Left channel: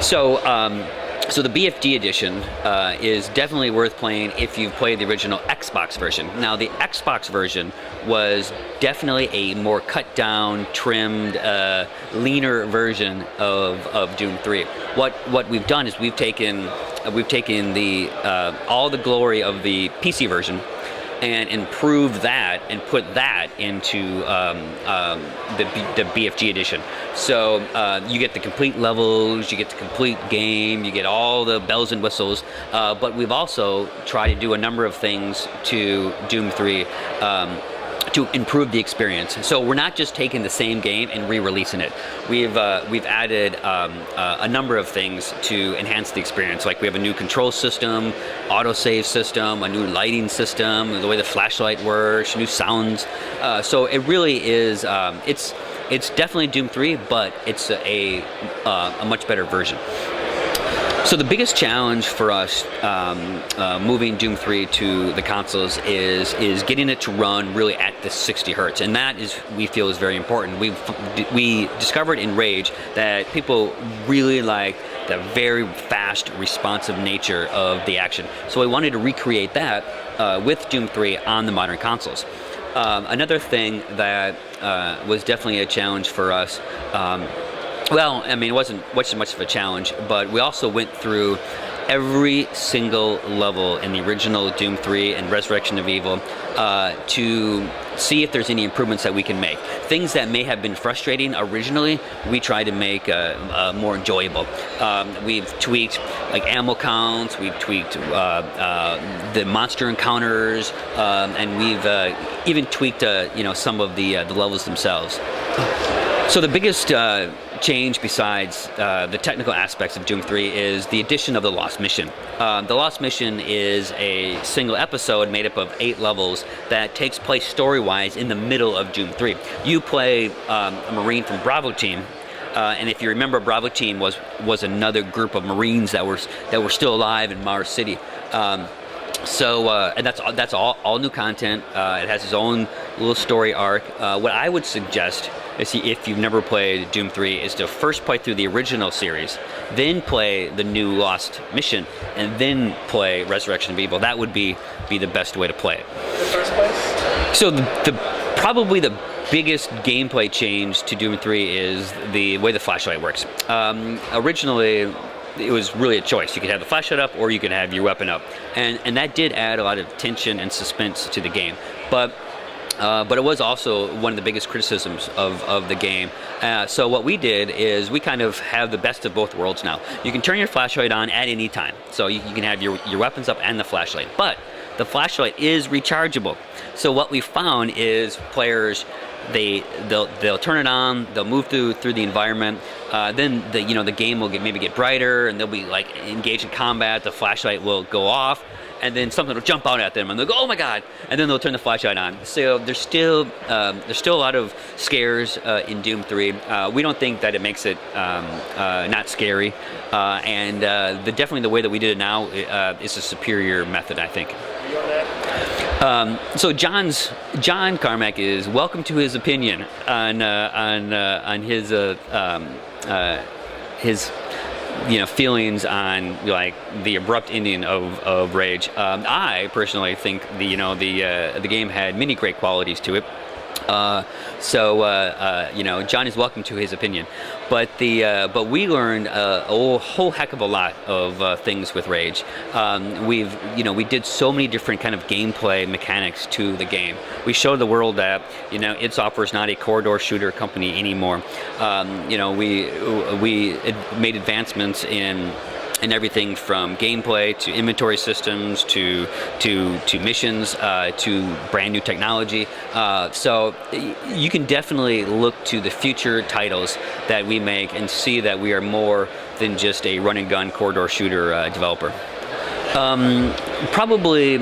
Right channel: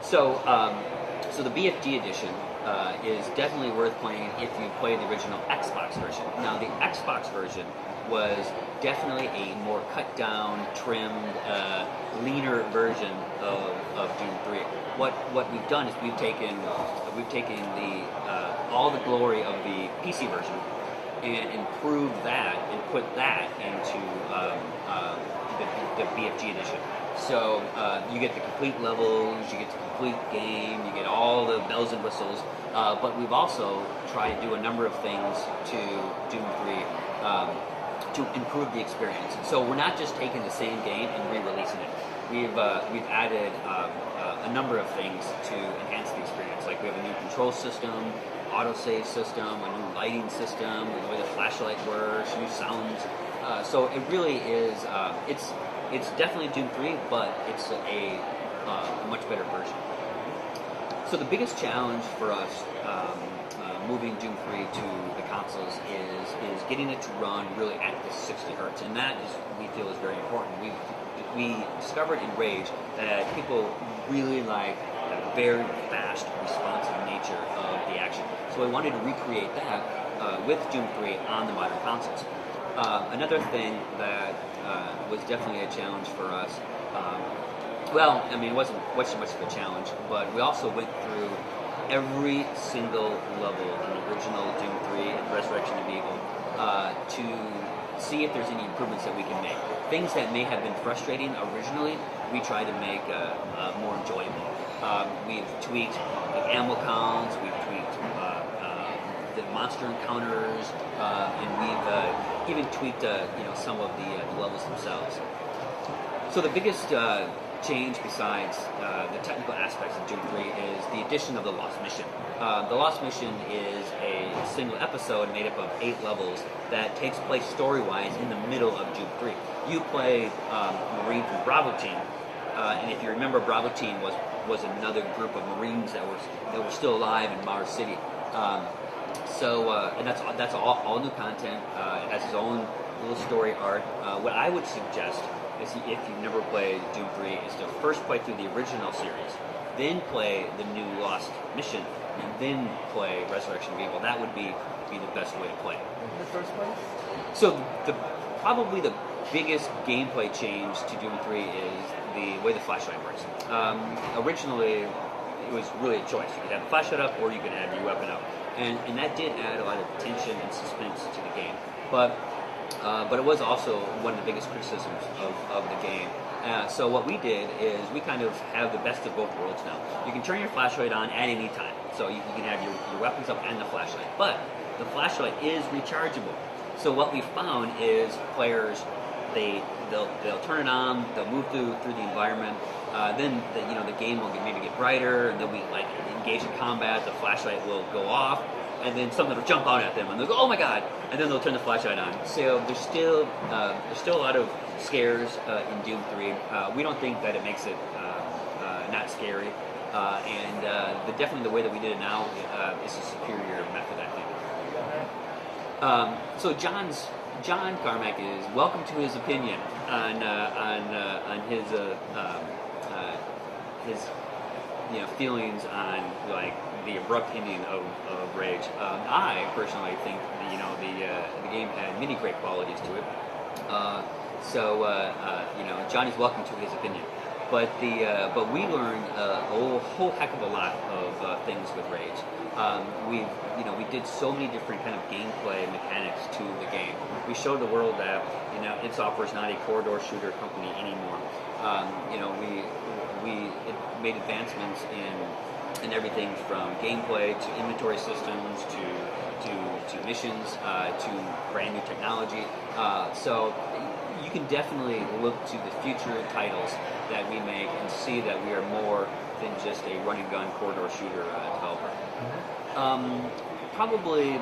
So, so the BFG edition is definitely worth playing if you've played the original Xbox version. Now, the Xbox version was definitely a more cut down, trimmed, leaner version of Doom 3. What we've done is we've taken the all the glory of the PC version and improve that and put that into the BFG edition. So you get the complete levels, you get the complete game, you get all the bells and whistles, but we've also tried to do a number of things to Doom 3 to improve the experience. So we're not just taking the same game and re-releasing it. We've added a number of things to enhance the experience. Like we have a new control system, autosave system, a new lighting system, the way the flashlight works, new sounds. So it really is. It's definitely Doom 3, but it's a much better version. So the biggest challenge for us moving Doom 3 to the consoles is getting it to run really at the 60 hertz, and that is, we feel, is very important. We discovered in Rage that people really like the very fast, responsive nature of the action. So we wanted to recreate that with Doom 3 on the modern consoles. Another thing that was definitely a challenge for us. Well, I mean, it wasn't much of a challenge, but we also went through every single level in the original Doom 3 and Resurrection of Evil to see if there's any improvements that we can make. Things that may have been frustrating originally, we try to make more enjoyable. We've tweaked like ammo counts, we've tweaked the monster encounters, and we've even tweaked some of the levels themselves. So the biggest change besides the technical aspects of Doom 3 is the addition of the Lost Mission. The Lost Mission is a single episode made up of 8 levels that takes place story-wise in the middle of Doom 3. You play a Marine from Bravo Team, and if you remember, Bravo Team was another group of Marines that were still alive in Mars City. And that's all new content. It has its own little story arc. What I would suggest is, if you've never played Doom 3, is to first play through the original series, then play the new Lost Mission, and then play Resurrection of Evil. That would be the best way to play it. In the first place? So probably the biggest gameplay change to Doom 3 is the way the flashlight works. Originally, it was really a choice. You could have the flashlight up or you could have your weapon up. And that did add a lot of tension and suspense to the game. But it was also one of the biggest criticisms of the game. So what we did is we kind of have the best of both worlds now. You can turn your flashlight on at any time. So you can have your weapons up and the flashlight. But the flashlight is rechargeable. So what we found is players, they'll turn it on, they'll move through the environment, then the game will maybe get brighter, and they'll be like engaged in combat, the flashlight will go off, and then something will jump out at them and they'll go, oh my god, and then they'll turn the flashlight on. So there's still a lot of scares in Doom 3. We don't think that it makes it not scary, and definitely the way that we did it now is a superior method, I think. So John Carmack is welcome to his opinion on his feelings on like the abrupt ending of Rage. I personally think the game had many great qualities to it. John is welcome to his opinion, but we learned a whole heck of a lot of things with Rage. We did so many different kind of gameplay mechanics to the game. We showed the world that id Software is not a corridor shooter company anymore. We made advancements in everything from gameplay to inventory systems to missions to brand new technology. So you can definitely look to the future titles that we make and see that we are more than just a run and gun corridor shooter developer. Probably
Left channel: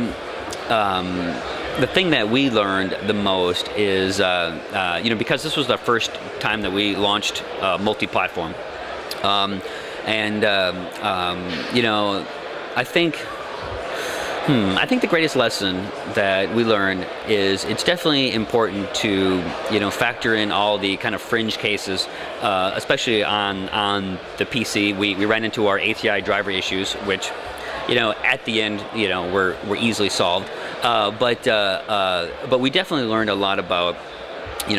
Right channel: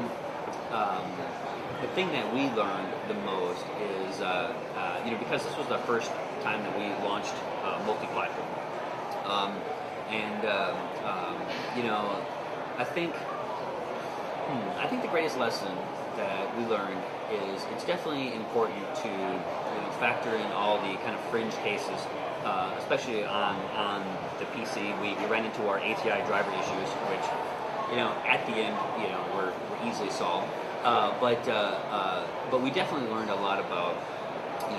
the thing that we learned the most is because this was the first time that we launched multi-platform. I think I think the greatest lesson that we learned is it's definitely important to factor in all the kind of fringe cases, especially on the PC. We ran into our ATI driver issues, which at the end were easily solved, but we definitely learned a lot about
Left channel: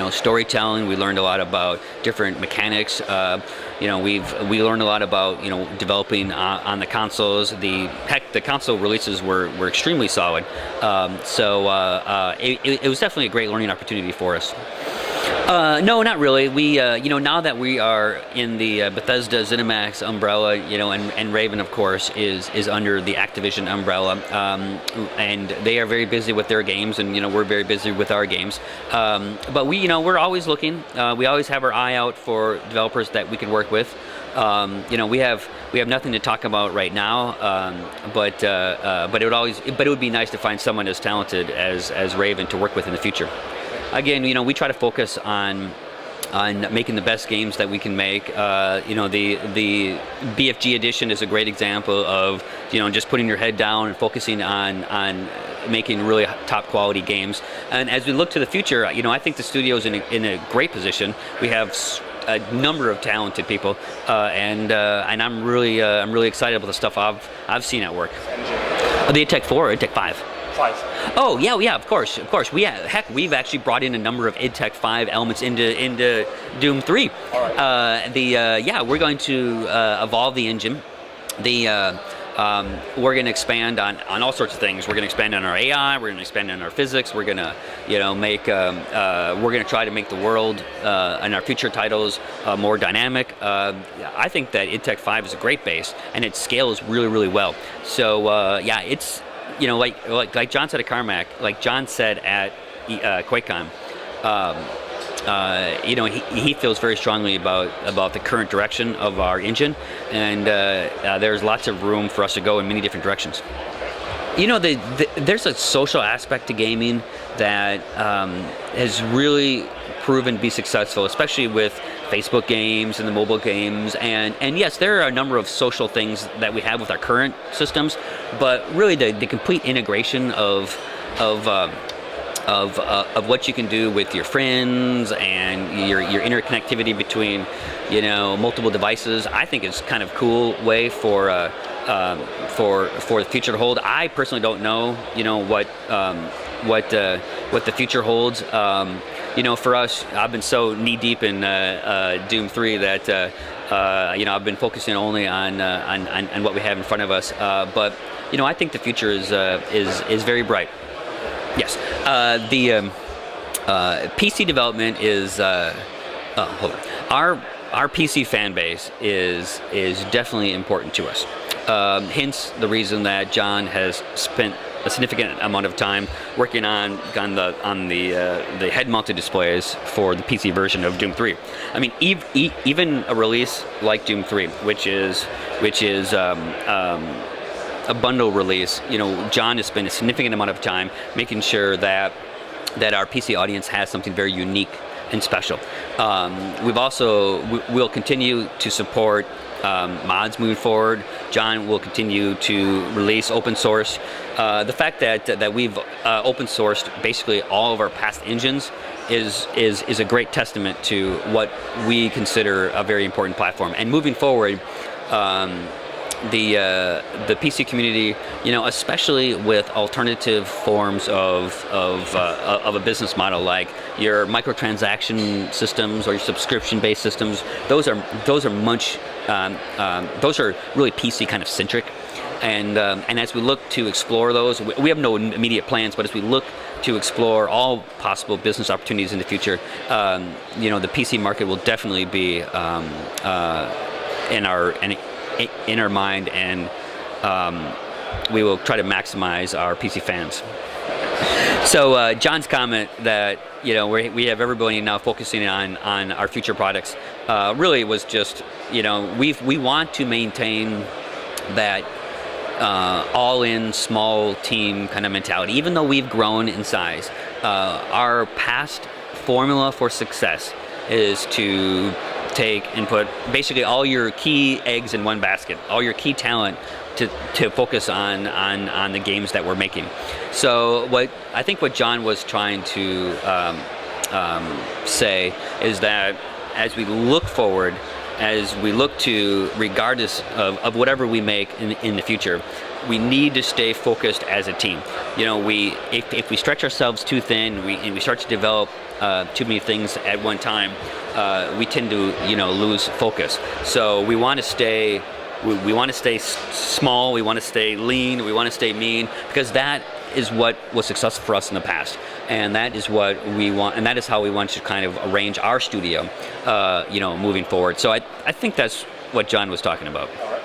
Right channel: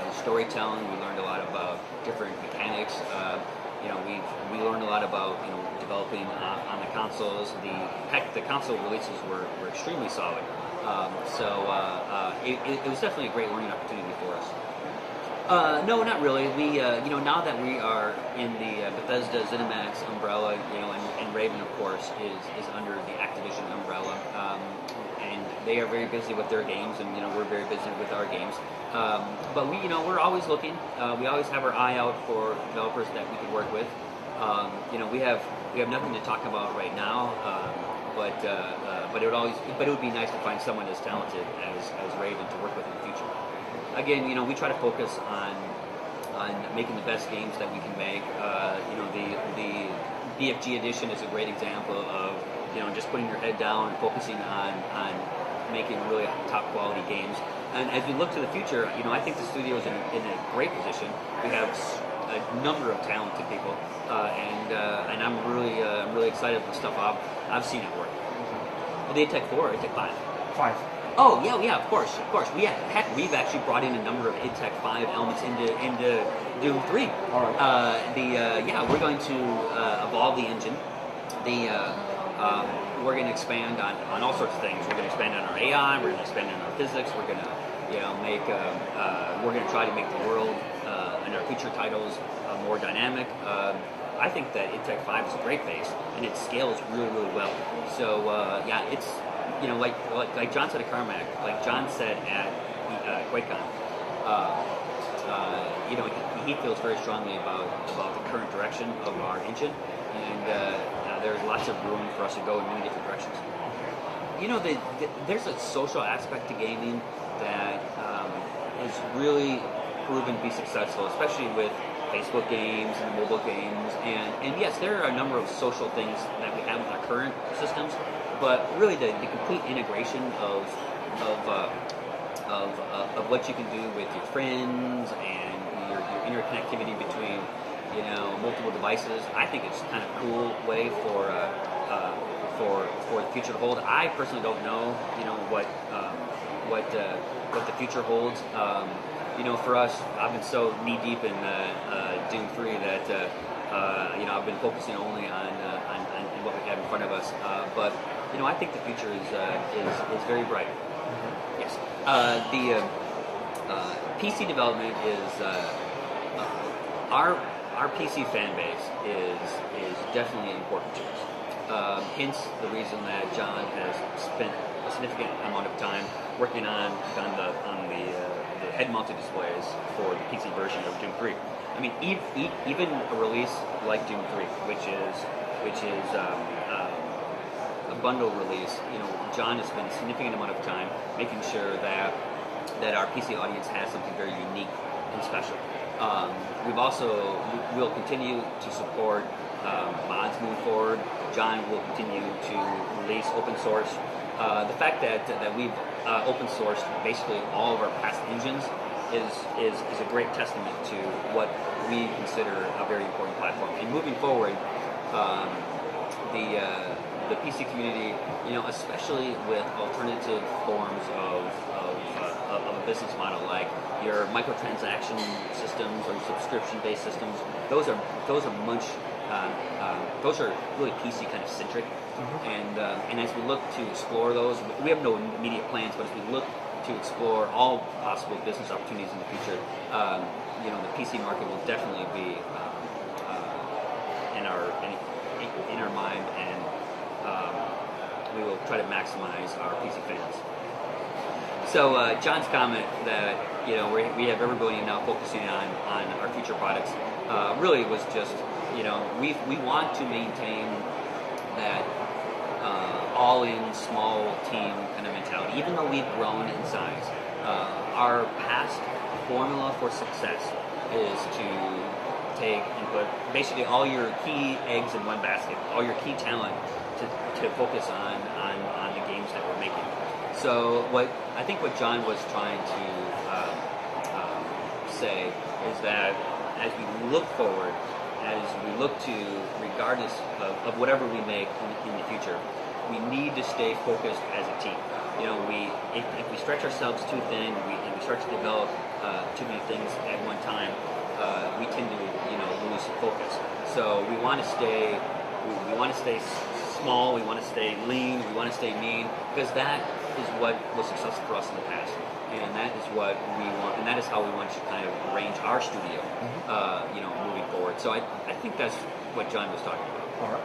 storytelling. We learned a lot about different mechanics. We learned a lot about developing on the consoles. The console releases were extremely solid. It was definitely a great learning opportunity for us. No, not really. We, now that we are in the Bethesda ZeniMax umbrella, and Raven, of course, is under the Activision umbrella, and they are very busy with their games, and we're very busy with our games. But we're always looking. We always have our eye out for developers that we can work with. We have nothing to talk about right now, but it would be nice to find someone as talented as Raven to work with in the future. Again, we try to focus on making the best games that we can make. The BFG Edition is a great example of just putting your head down and focusing on making really top quality games. And as we look to the future, I think the studio is in a great position. We have a number of talented people, and I'm really excited about the stuff I've seen at work. The id Tech 4 or id Tech 5? Oh yeah, of course. We've actually brought in a number of id Tech 5 elements into Doom 3. All right. We're going to evolve the engine. We're going to expand on all sorts of things. We're going to expand on our AI. We're going to expand on our physics. We're going to we're going to try to make the world and our future titles more dynamic. I think that id Tech 5 is a great base, and it scales really well. So it's like John said at Carmack, like John said at QuakeCon, he feels very strongly about the current direction of our engine, and there's lots of room for us to go in many different directions. There's a social aspect to gaming that has really proven to be successful, especially with Facebook games and the mobile games, and yes, there are a number of social things that we have with our current systems, but really the complete integration of what you can do with your friends and your interconnectivity between multiple devices, I think is kind of cool way for the future to hold. I personally don't know what the future holds. For us, I've been so knee deep in Doom 3 that I've been focusing only on what we have in front of us. But I think the future is very bright. Yes, the PC development is our PC fan base is definitely important to us. Hence the reason that John has spent a significant amount of time working on the head-mounted displays for the PC version of Doom 3. I mean, even a release like Doom 3, which is a bundle release, John has spent a significant amount of time making sure that our PC audience has something very unique and special. We'll continue to support mods moving forward. John will continue to release open source. The fact that we've open sourced basically all of our past engines is a great testament to what we consider a very important platform. And moving forward, the PC community, especially with alternative forms of a business model like your microtransaction systems or your subscription-based systems, those are really PC kind of centric. And as we look to explore those, we have no immediate plans, but as we look to explore all possible business opportunities in the future, the PC market will definitely be in our mind, and we will try to maximize our PC fans. So John's comment that we have everybody now focusing on our future products really was just we want to maintain that all-in small team kind of mentality. Even though we've grown in size, our past formula for success is to take and put basically all your key eggs in one basket, all your key talent to focus on the games that we're making. So I think what John was trying to say is that as we look forward, as we look to, regardless of whatever we make in the future, we need to stay focused as a team. You know, if we stretch ourselves too thin and we start to develop too many things at one time, we tend to lose focus. So we want to stay. We want to stay small. We want to stay lean. We want to stay mean, because that is what was successful for us in the past, and that is what we want, and that is how we want to kind of arrange our studio, moving forward. So I think that's what John was talking about. All right.